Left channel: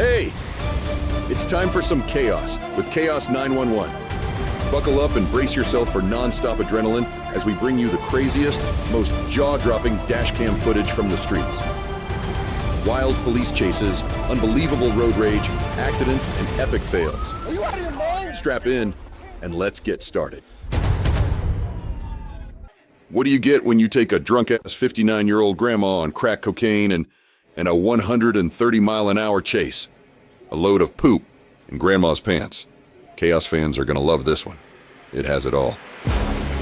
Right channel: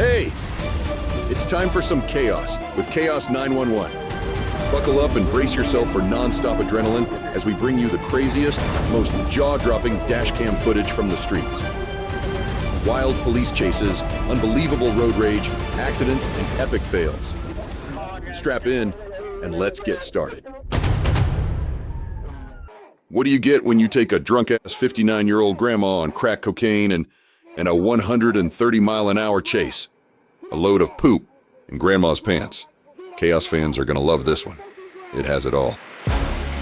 Hey, it's time for some chaos with Chaos 911. Buckle up and brace yourself for non-stop adrenaline as we bring you the craziest, most jaw-dropping dashcam footage from the streets. Wild police chases, unbelievable road rage, accidents, and epic fails. Strap in and let's get started. What do you get when you take a drunk-ass 59-year-old grandma on crack cocaine and a 130-mile-an-hour chase? A load of poop in grandma's pants. Chaos fans are gonna love this one. It has it all.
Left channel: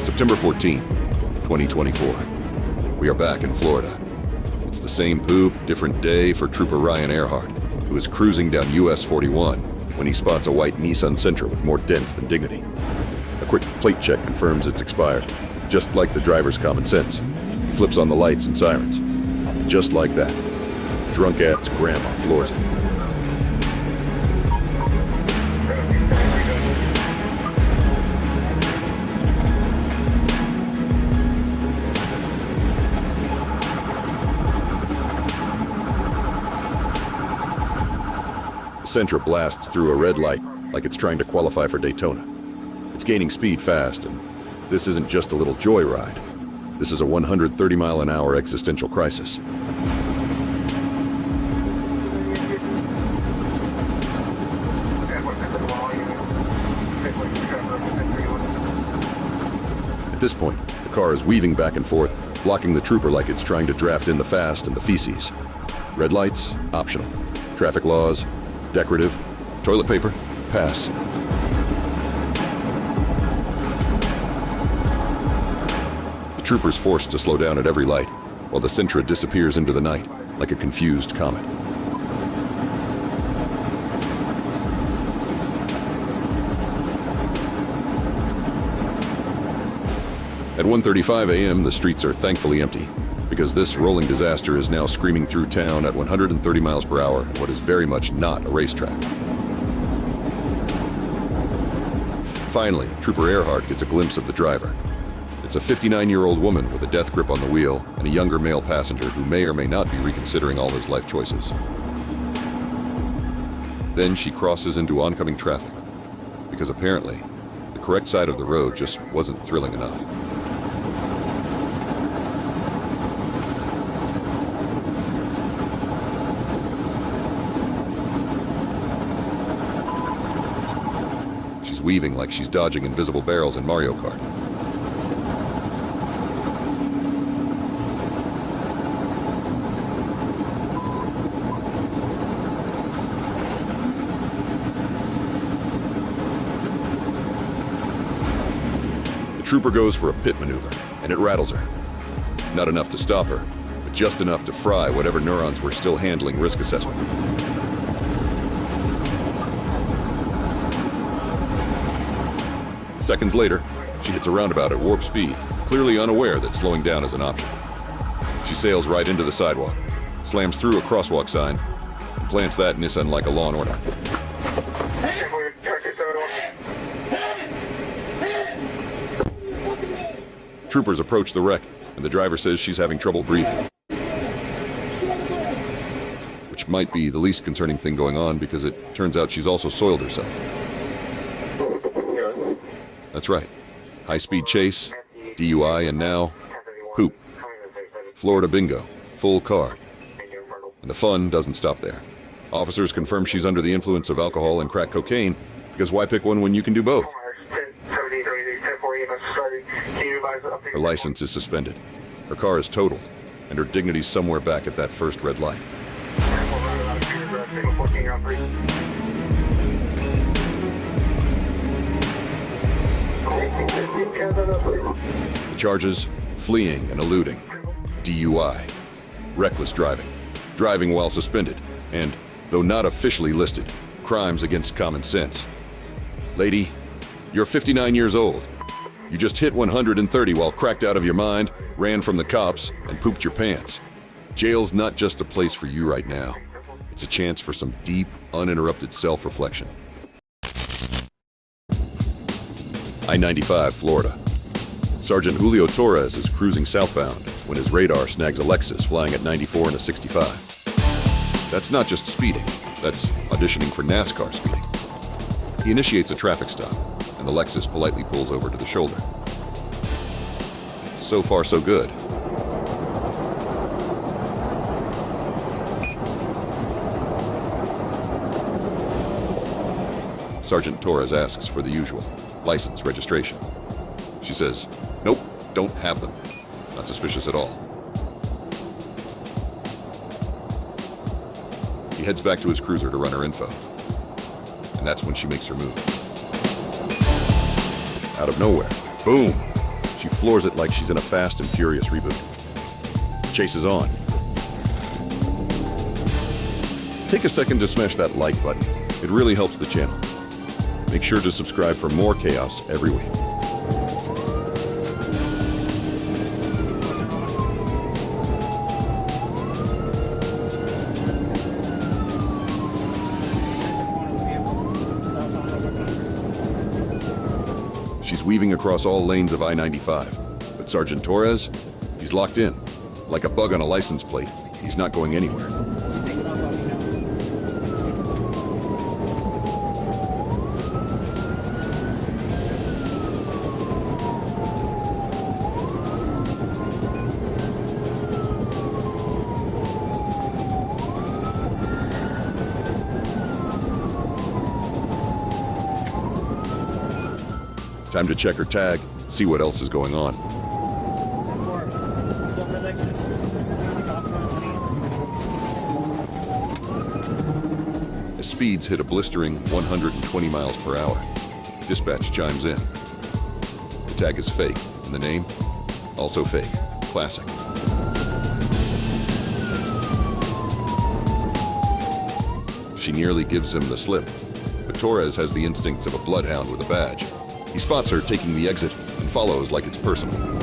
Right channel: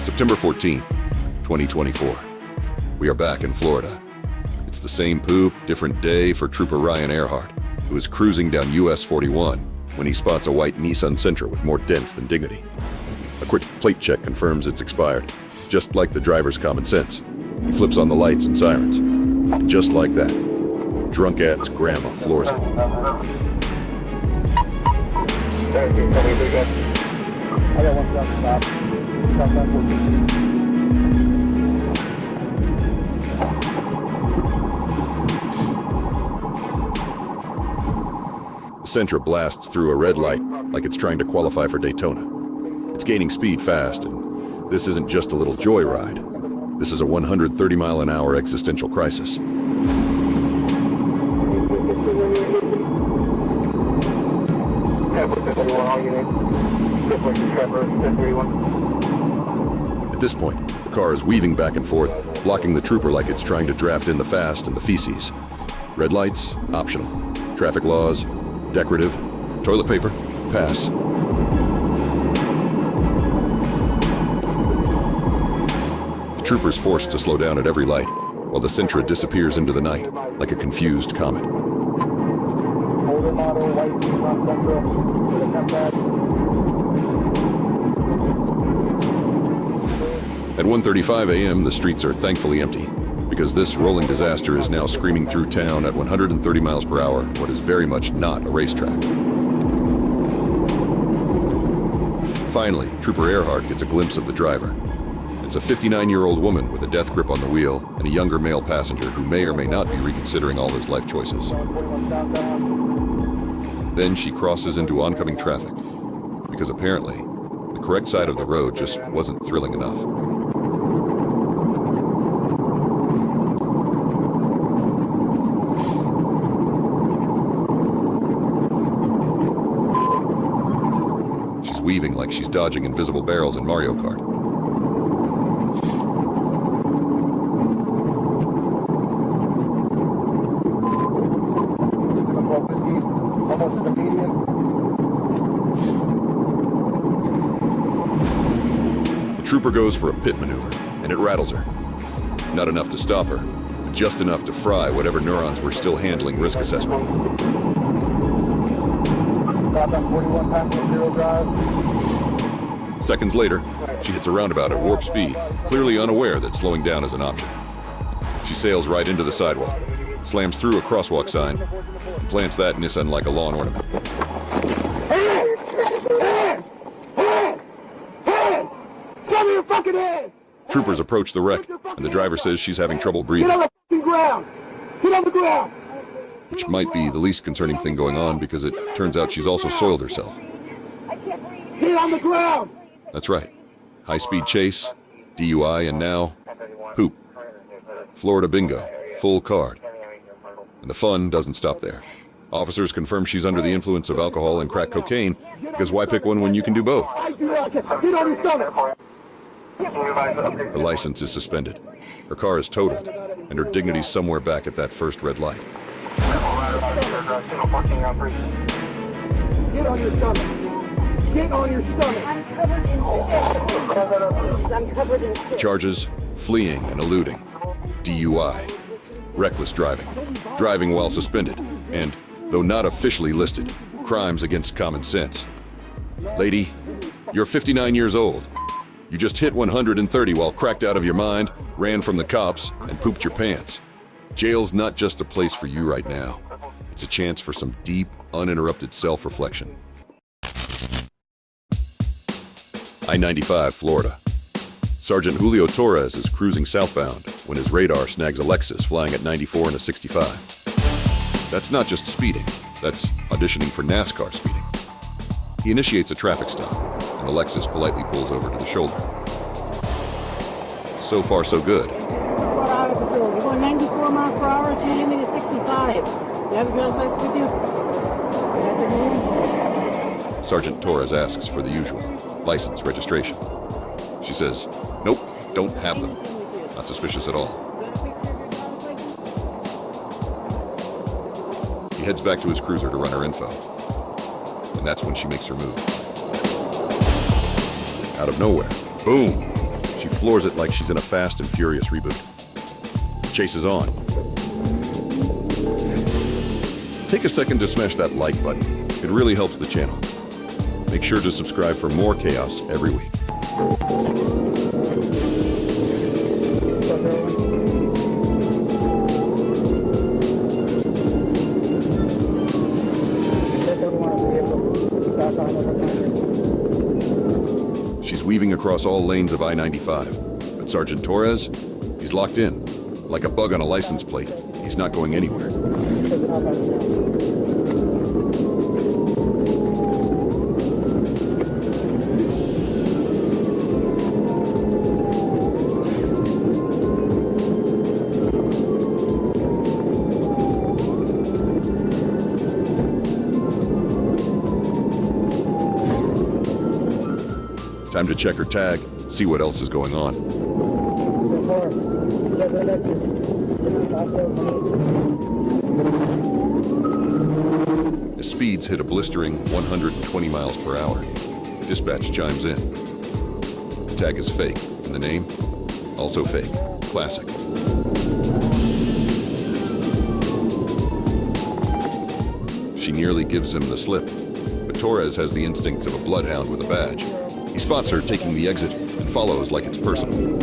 September 14th, 2024. We are back in Florida. It's the same poop, different day for Trooper Ryan Earhart, who is cruising down US 41 when he spots a white Nissan Sentra with more dents than dignity. A quick plate check confirms it's expired, just like the driver's common sense. He flips on the lights and sirens. And just like that, drunk-ass grandma floors it. The Sentra blasts through a red light like it's trying to qualify for Daytona. It's gaining speed fast, and this isn't just a little joyride. This is a 130-mile-an-hour existential crisis. At this point, the car is weaving back and forth, blocking the trooper like it's trying to draft in the fast and the feces. Red lights, optional. Traffic laws, decorative. Toilet paper, pass. The trooper's forced to slow down at every light, while the Sentra disappears into the night like a confused comet. At 1:35 a.m., the streets are thankfully empty, because this rolling disaster is now screaming through town at 130 miles per hour in what is very much not a racetrack. Finally, Trooper Earhart gets a glimpse of the driver. It's a 59-year-old woman with a death grip on the wheel and a younger male passenger who may or may not be reconsidering all his life choices. Then she crosses into oncoming traffic, because apparently, the correct side of the road just wasn't thrilling enough. She's weaving like she's dodging invisible barrels in Mario Kart. The trooper goes for a pit maneuver, and it rattles her. Not enough to stop her, but just enough to fry whatever neurons were still handling risk assessment. Seconds later, she hits a roundabout at warp speed, clearly unaware that slowing down is an option. She sails right into the sidewalk, slams through a crosswalk sign, and plants that Nissan like a lawn ornament. Troopers approach the wreck, and the driver says she's having trouble breathing. Which might be the least concerning thing going on, because it turns out she's also soiled herself. That's right. High-speed chase, DUI, and now, poop. Florida bingo, full card. And the fun doesn't stop there. Officers confirm she's under the influence of alcohol and crack cocaine, because why pick one when you can do both? Her license is suspended. Her car is totaled, and her dignity's somewhere back at that first red light. Charges: fleeing and eluding, DUI, reckless driving, driving while suspended, and, though not officially listed, crimes against common sense. Lady, you're 59 years old. You just hit 130 while cracked out of your mind, ran from the cops, and pooped your pants. Jail's not just a place for you right now. It's a chance for some deep, uninterrupted self-reflection. I-95, Florida. Sergeant Julio Torres is cruising southbound when his radar snags a Lexus flying at 94 in a 65. That's not just speeding, That's auditioning for NASCAR speeding. He initiates a traffic stop, and the Lexus politely pulls over to the shoulder. So far, so good. Going 94 miles per hour, speed limit is 65. Everybody else likes to do. Sergeant Torres asks for the usual, license, registration. She says, nope, don't have them. Not suspicious at all. He heads back to his cruiser to run her info. And that's when she makes her move. Out of nowhere, boom! She floors it like she's in a Fast and Furious reboot. Chase is on. Take a second to smash that like button. It really helps the channel. Make sure to subscribe for more chaos every week. She's weaving across all lanes of I-95, but Sergeant Torres, he's locked in. Like a bug on a license plate, he's not going anywhere. Time to check her tag, see what else is going on. As speeds hit a blistering 120 miles per hour, dispatch chimes in. The tag is fake, and the name? Also fake. Classic. She nearly gives him the slip, but Torres has the instincts of a bloodhound with a badge. He spots her taking the exit and follows like it's personal.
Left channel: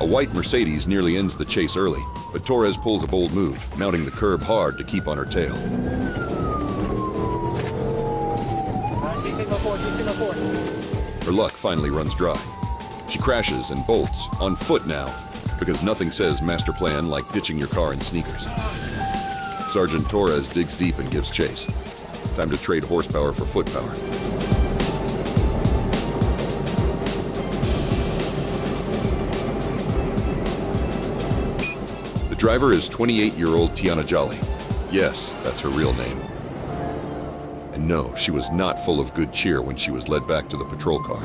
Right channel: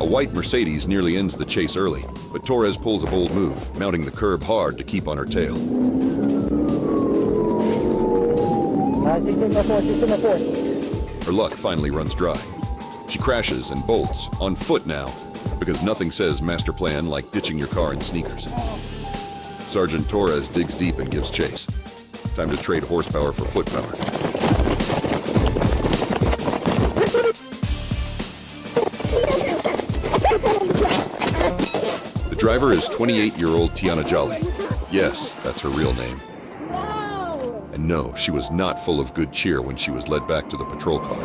A white Mercedes nearly ends the chase early, but Torres pulls a bold move, mounting the curb hard to keep on her tail. Her luck finally runs dry. She crashes and bolts, on foot now, because nothing says master plan like ditching your car in sneakers. Sergeant Torres digs deep and gives chase. Time to trade horsepower for foot power. The driver is 28-year-old Tiana Jolly. Yes, that's her real name. And no, she was not full of good cheer when she was led back to the patrol car.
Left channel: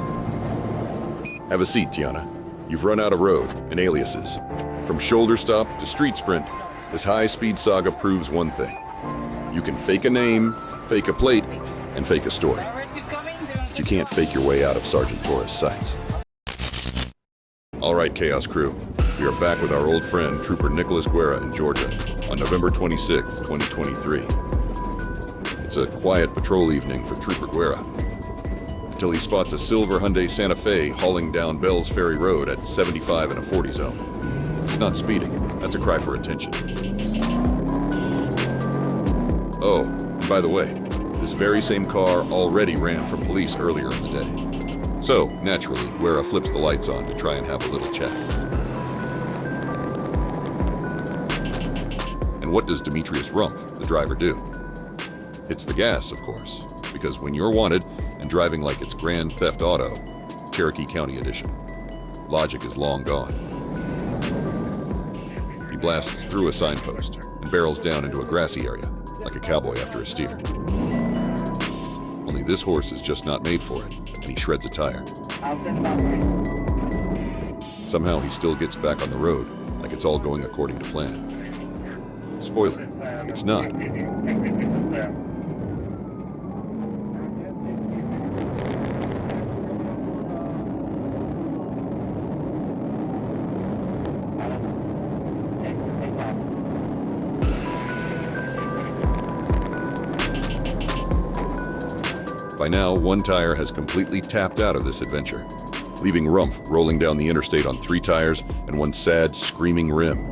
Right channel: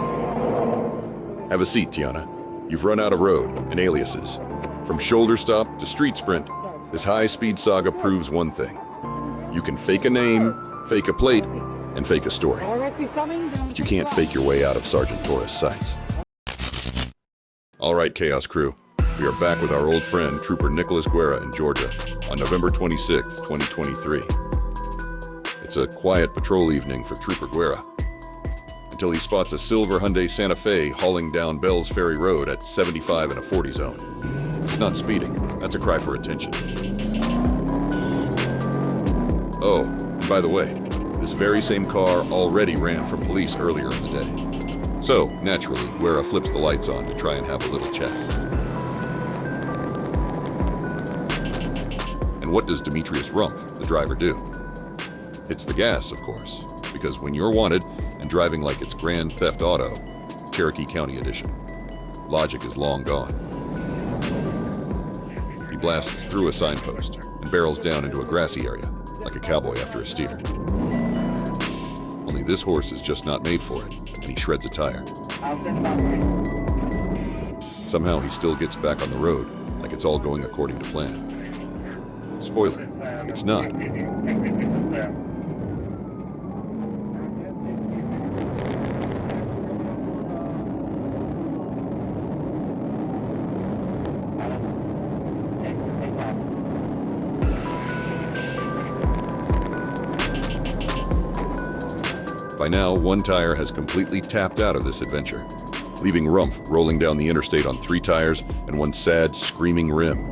Have a seat, Tiana. You've run out of road and aliases. From shoulder stop to street sprint, this high-speed saga proves one thing. You can fake a name, fake a plate, and fake a story. But you can't fake your way out of Sergeant Torres' sights. All right, Chaos Crew. We are back with our old friend, Trooper Nicholas Guerra in Georgia on November 26, 2023. It's a quiet patrol evening for Trooper Guerra until he spots a silver Hyundai Santa Fe hauling down Bells Ferry Road at 75 in a 40 zone. It's not speeding. That's a cry for attention. Oh, and by the way, this very same car already ran from police earlier in the day. So, naturally, Guerra flips the lights on to try and have a little chat. And what does Demetrius Rumpf, the driver, do? Hits the gas, of course, because when you're wanted and driving like it's Grand Theft Auto, Cherokee County Edition, logic is long gone. He blasts through a signpost and barrels down into a grassy area, like a cowboy after a steer. Only this horse is just not made for it, and he shreds a tire. Somehow he still gets back on the road, like it's all going according to plan. Spoiler, it's not. By now, one tire has completely tapped out of this adventure, leaving Rumpf rolling down the interstate on 3 tires and one sad, screaming rim.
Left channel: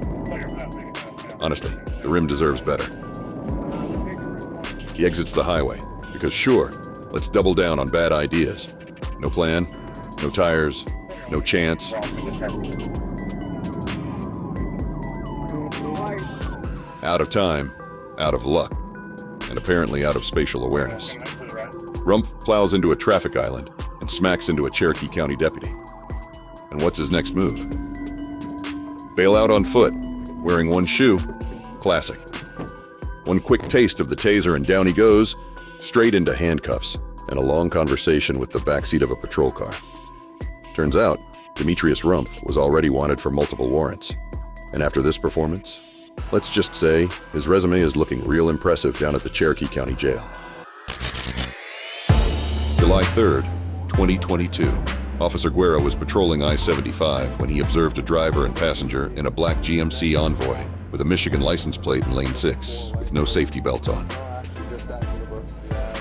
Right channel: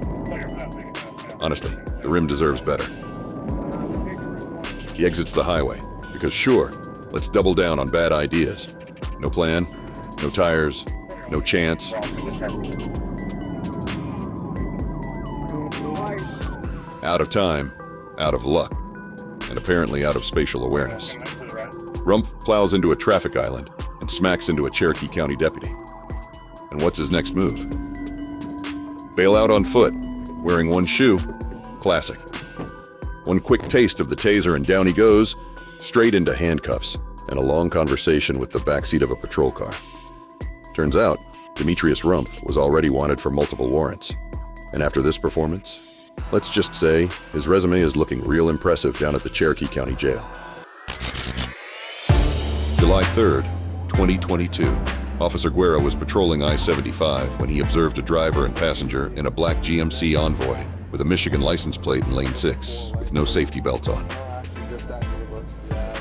Honestly, the rim deserves better. He exits the highway, because sure, let's double down on bad ideas. No plan, no tires, no chance. Out of time, out of luck, and apparently out of spatial awareness. Rumpf plows into a traffic island and smacks into a Cherokee County deputy. And what's his next move? Bail out on foot, wearing one shoe. Classic. One quick taste of the taser and down he goes, straight into handcuffs and a long conversation with the backseat of a patrol car. Turns out, Demetrius Rumpf was already wanted for multiple warrants. And after this performance, let's just say his resume is looking real impressive down at the Cherokee County Jail. July 3rd, 2022. Officer Guerra was patrolling I-75 when he observed a driver and passenger in a black GMC Envoy with a Michigan license plate in lane 6 with no safety belts on.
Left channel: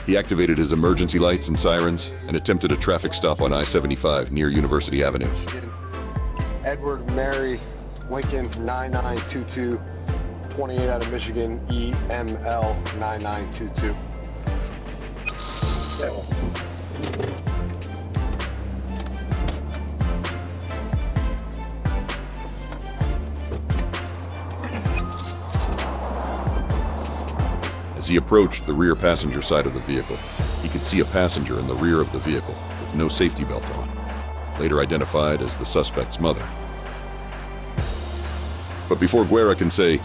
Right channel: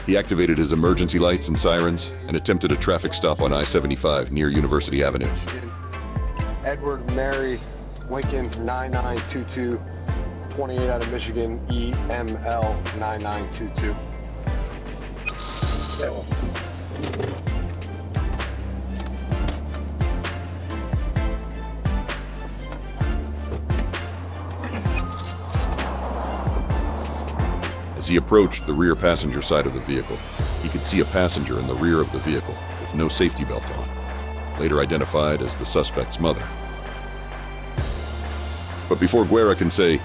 He activated his emergency lights and sirens and attempted a traffic stop on I-75 near University Avenue. Edward Mary Lincoln 9922, 28 out of Michigan, EML 9922. As he approached the rear passenger side of the vehicle, he could see a passenger in the rear of the vehicle with no safety belt on, later identified as the suspect's mother. But before Guerra can say,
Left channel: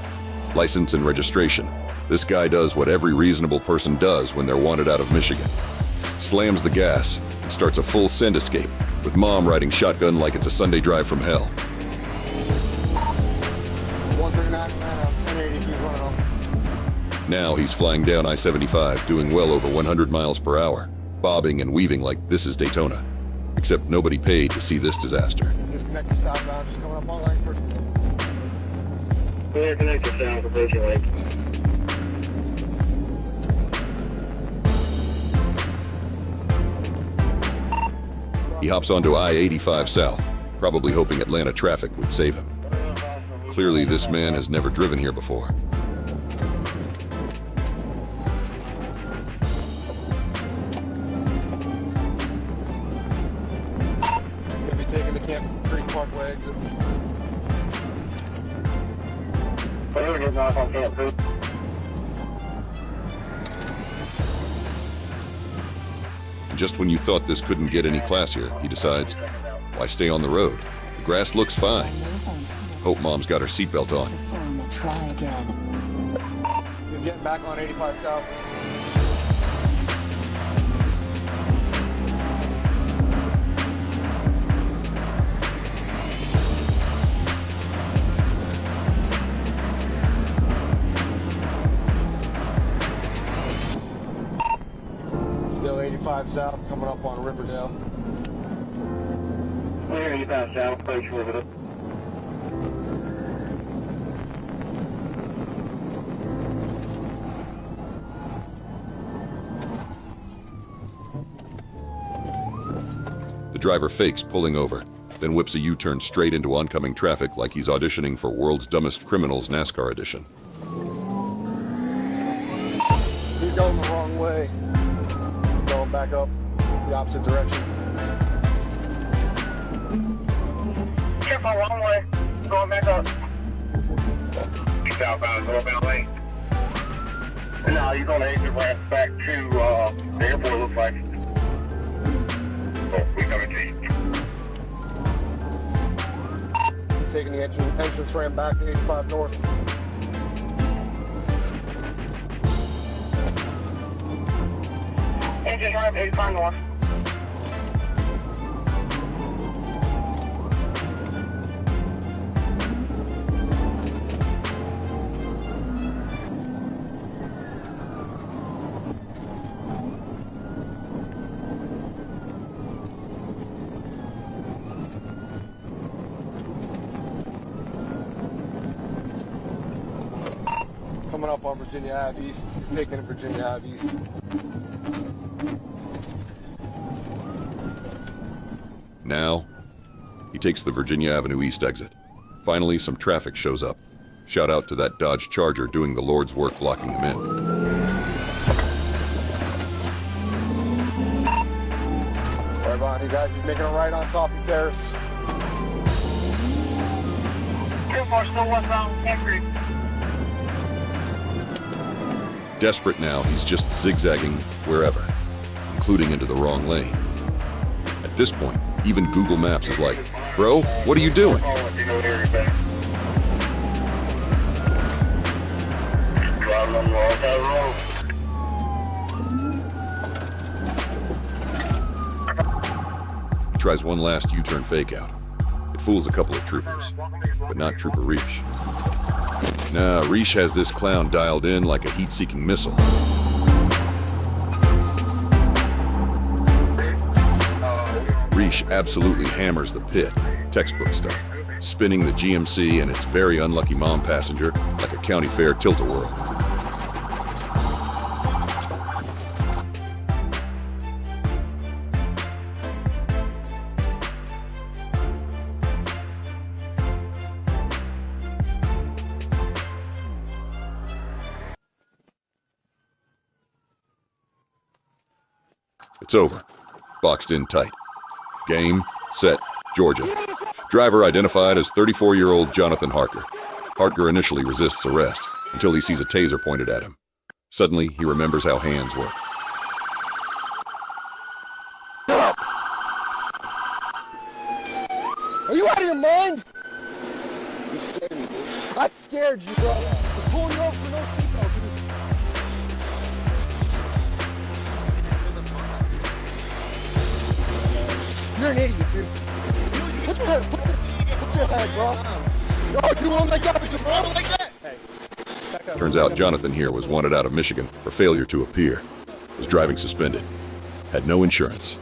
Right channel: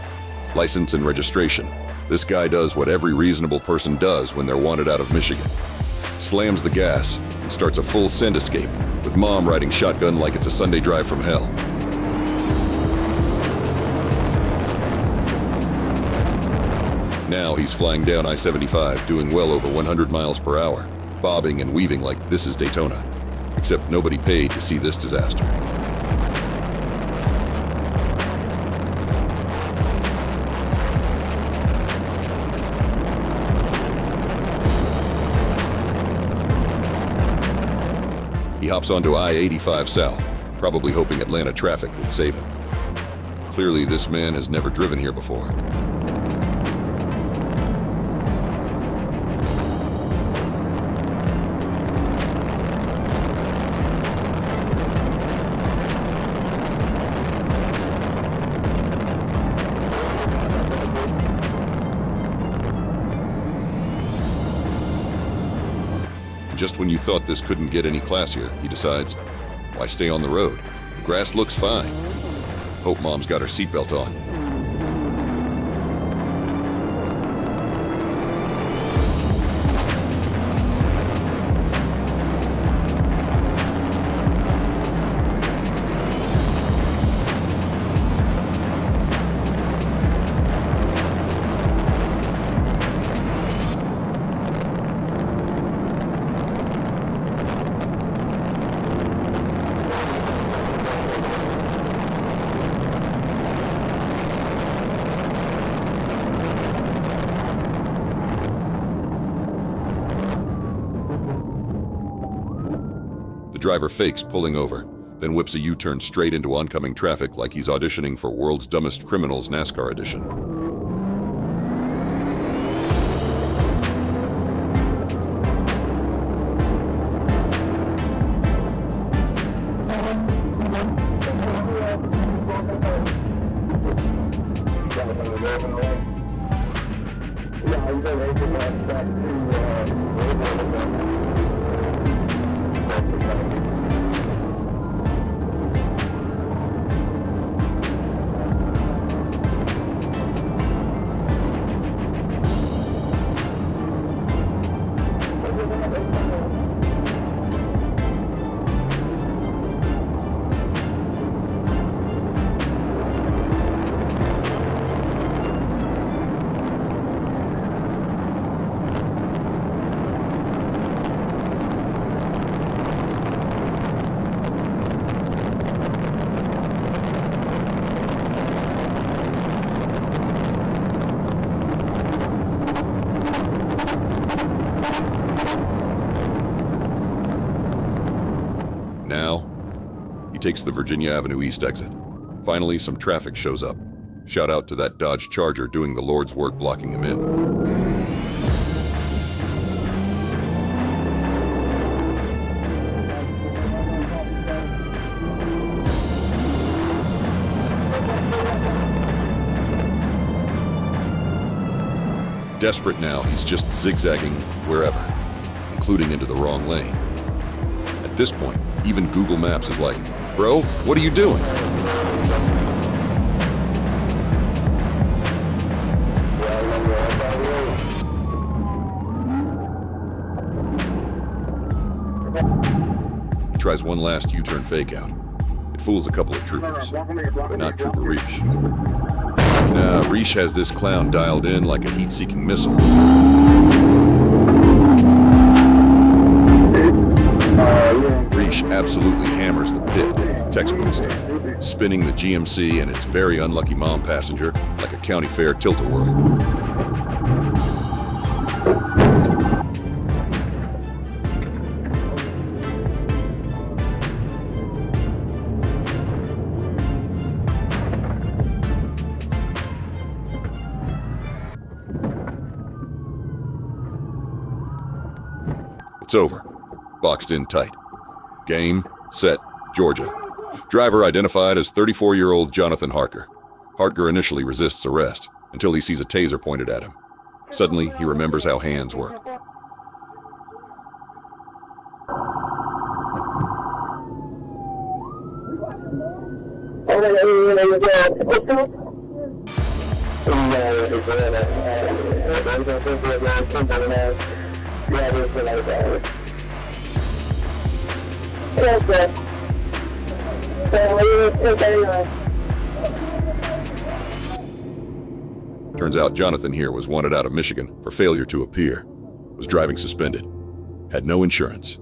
license and registration, this guy does what every reasonable person does when they're wanted out of Michigan. Slams the gas and starts a full send escape, with Mom riding shotgun like it's a Sunday drive from hell. Now he's flying down I-75, doing well over 100 miles per hour, bobbing and weaving like this is Daytona. Except nobody paid to see this disaster. He hops onto I-85 South, probably hoping Atlanta traffic would save him. Clearly, this man has never driven here before. Just when you thought this couldn't get any classier, he decides, why stay on the road? The grass looks fine. Hope Mom's got her seatbelt on. The driver fakes pulling over, then whips a U-turn straight into oncoming traffic like he's auditioning for World's Dumbest Criminals NASCAR edition. He's going the wrong way. Going back up the opposite direction. Wrong way. Going back up. He's outbound, wrong way. now he's gonna make it back to the airport, look like. He's taking the entrance ramp back to 85 north. Engine ramp 85 north. Now, he takes the Virginia Avenue East exit. Finally, some traffic shows up. Shout out to that Dodge Charger doing the Lord's work blocking him in. Right on, you guys, making a right on top of the terrace. Desperate now, he's just zigzagging wherever, including into the wrong lane. At this point, even Google Maps is like, "Bro, what are you doing?" He tries one last U-turn fake out. It fools a couple of troopers, but not Trooper Reish. Nah, Reish has this clown dialed in like a heat-seeking missile. Reish absolutely hammers the pit, textbook stuff, spinning the GMC and its very unlucky mom passenger like a county fair tilt-a-whirl. It's over. Boxed in tight. Game, set, Georgia. Driver identified as 34-year-old Jonathan Harker. Harker initially resists arrest until he sees a taser pointed at him. Suddenly, he remembers how hands work. Are you out of your mind? I scared you, bro. You're here, bro. Turns out Jonathan here was wanted out of Michigan for failure to appear, was driving suspended, had no insurance,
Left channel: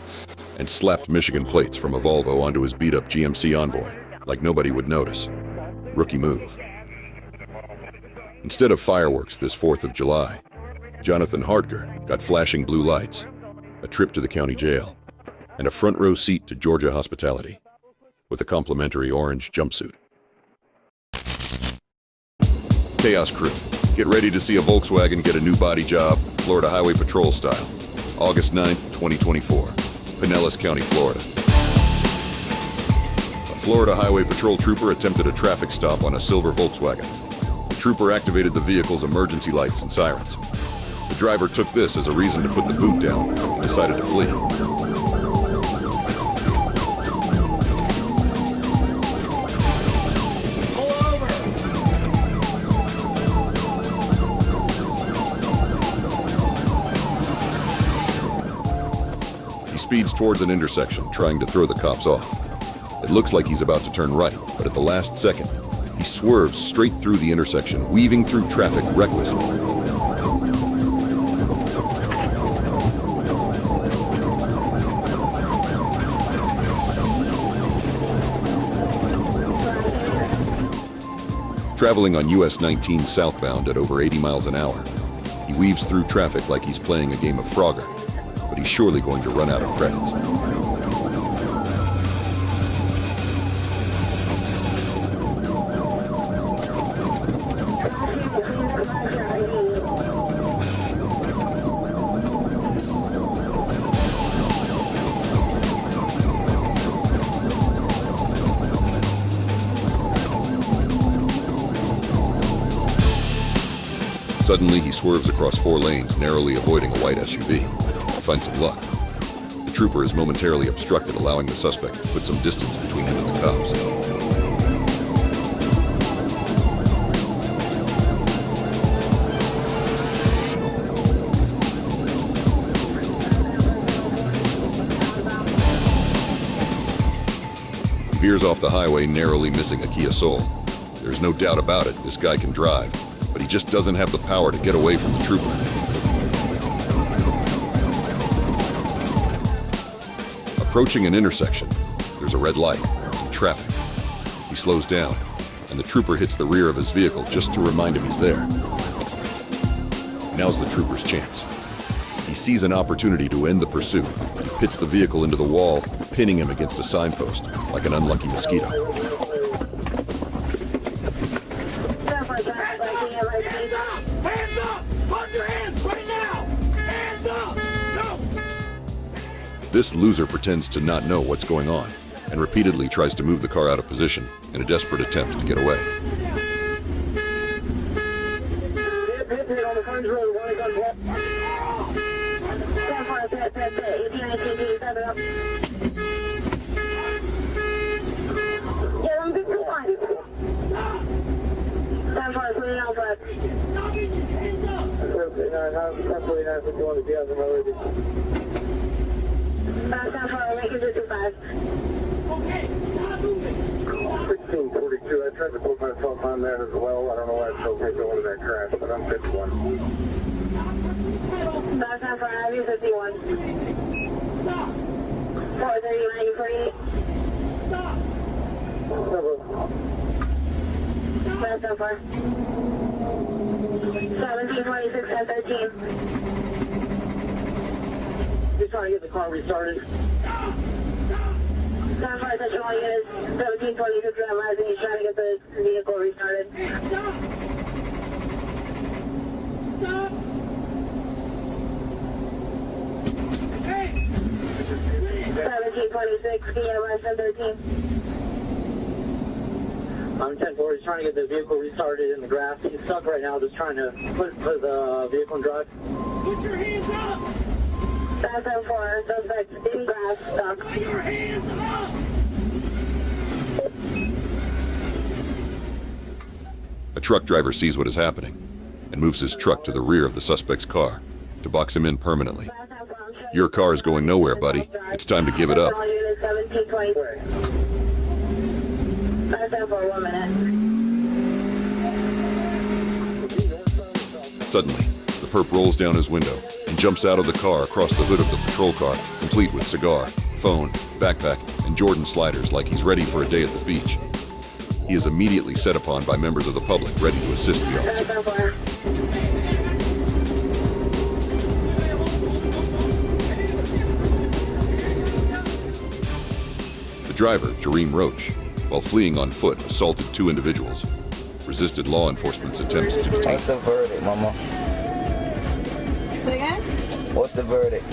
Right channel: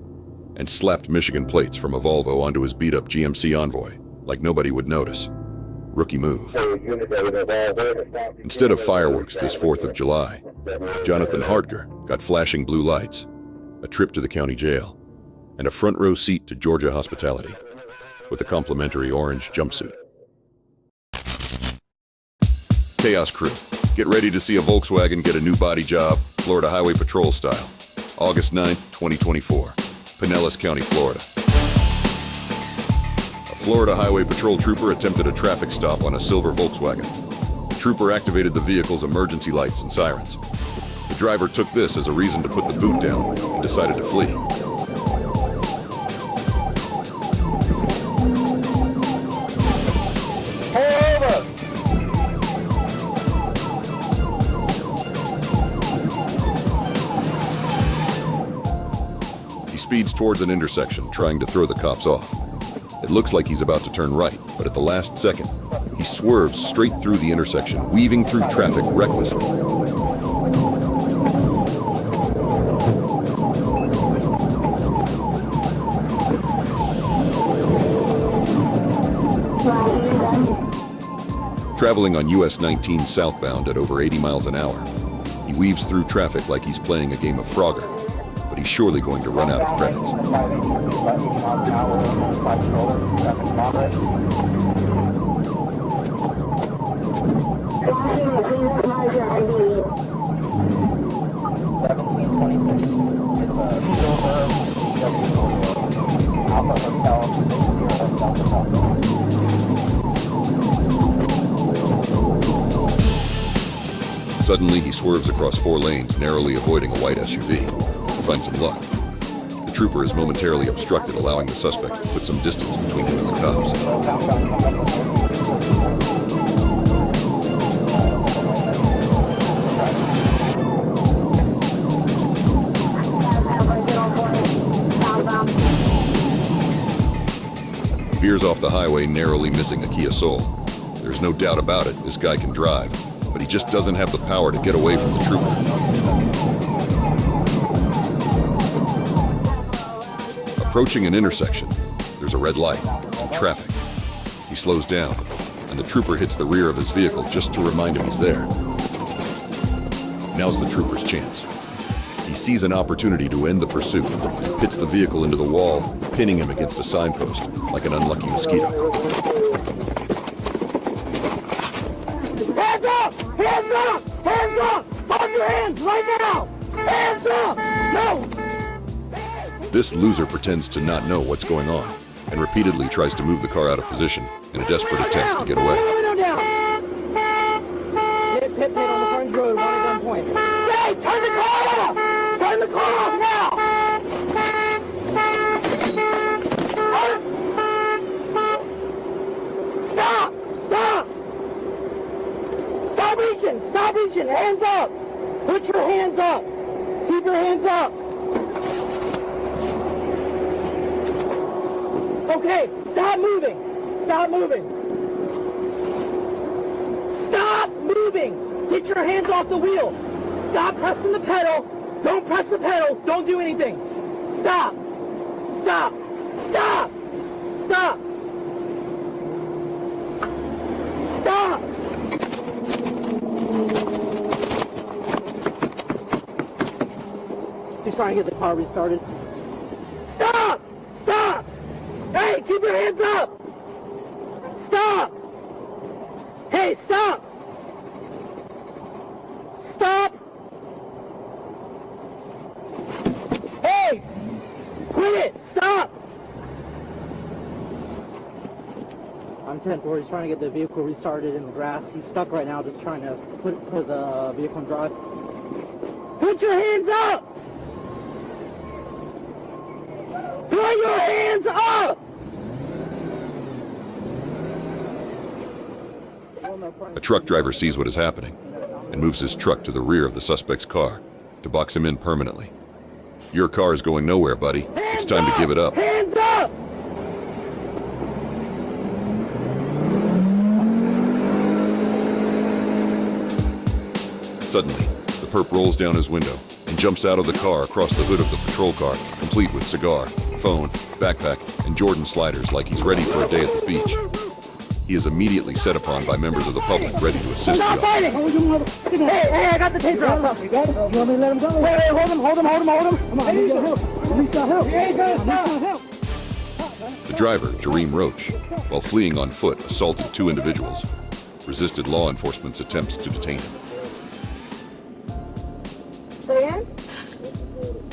and slapped Michigan plates from a Volvo onto his beat-up GMC Envoy like nobody would notice. Rookie move. Instead of fireworks this 4th of July, Jonathan Harker got flashing blue lights, a trip to the county jail, and a front row seat to Georgia hospitality with a complimentary orange jumpsuit. Chaos Crew, get ready to see a Volkswagen get a new body job, Florida Highway Patrol style. August 9th, 2024, Pinellas County, Florida. A Florida Highway Patrol trooper attempted a traffic stop on a silver Volkswagen. The trooper activated the vehicle's emergency lights and sirens. The driver took this as a reason to put the boot down and decided to flee. He speeds towards an intersection, trying to throw the cops off. It looks like he's about to turn right, but at the last second, he swerves straight through the intersection, weaving through traffic recklessly. Traveling on US 19 southbound at over 80 miles an hour, he weaves through traffic like he's playing a game of Frogger, but he's surely going to run out of credits. Suddenly, he swerves across 4 lanes, narrowly avoiding a white SUV. He finds some luck. The trooper is momentarily obstructed, allowing the suspect to put some distance between him and the cops. He veers off the highway, narrowly missing a Kia Soul. There's no doubt about it, this guy can drive, but he just doesn't have the power to get away from the trooper. Approaching an intersection, there's a red light and traffic. He slows down, and the trooper hits the rear of his vehicle just to remind him he's there. Now's the trooper's chance. He sees an opportunity to end the pursuit and pits the vehicle into the wall, pinning him against a signpost like an unlucky mosquito. Hands up! Hands up! Hands up! On your hands right now! Hands up! No! This loser pretends to not know what's going on and repeatedly tries to move the car out of position in a desperate attempt to get away. Window down! Hit on the front road, right on point. Hey, turn the car off! Turn the car off now! Stop! Stop! Stop reaching! Stop reaching! Hands up! Put your hands up! Keep your hands up! Okay, stop moving! Stop moving! Stop moving! Get your hands off the wheel! Stop pressing the pedal! Don't press the pedal! Don't do anything! Stop! Stop! Stop! Stop! Stop! Just trying to get the car restarted. Stop! Stop! Hey, keep your hands up! Stop! Hey, stop! Stop! Hey! Quit it! Stop! I'm trying to get the vehicle restarted in the grass. He's stuck right now. Just trying to push the vehicle drive. Put your hands up! Put your hands up! A truck driver sees what is happening and moves his truck to the rear of the suspect's car to box him in permanently. Your car is going nowhere, buddy. It's time to give it up. Hands up! Suddenly, the perp rolls down his window and jumps out of the car across the hood of the patrol car, complete with cigar, phone, backpack, and Jordan sliders like he's ready for a day at the beach. He is immediately set upon by members of the public ready to assist the officer. Hey, I got the taser out. You got it? You want me to let him go? Hey, hold him. Come on, I need some help. The driver, Jareem Roach, while fleeing on foot, assaulted 2 individuals, resisted law enforcement's attempts to detain him. What's the verdict, Mama? Say again? What's the verdict?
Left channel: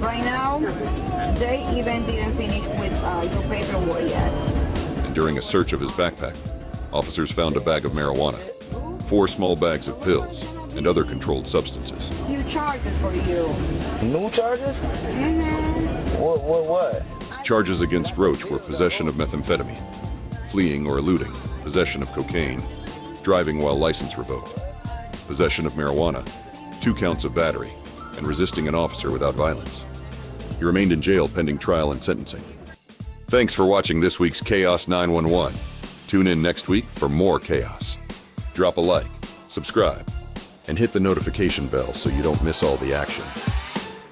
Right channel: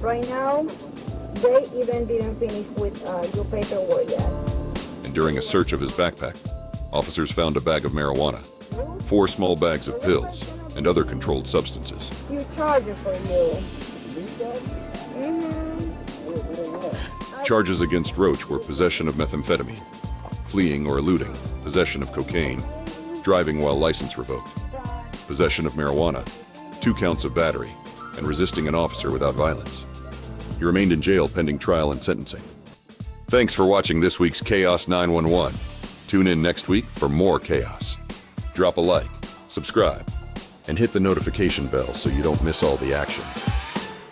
Right now, they even didn't finish with your paperwork yet. And during a search of his backpack, officers found a bag of marijuana, 4 small bags of pills, and other controlled substances. Few charges for you. New charges? What? Charges against Roach were possession of methamphetamine, fleeing or eluding, possession of cocaine, driving while license revoked, possession of marijuana, 2 counts of battery, and resisting an officer without violence. He remained in jail pending trial and sentencing. Thanks for watching this week's Chaos 911. Tune in next week for more chaos. Drop a like, subscribe, and hit the notification bell so you don't miss all the action.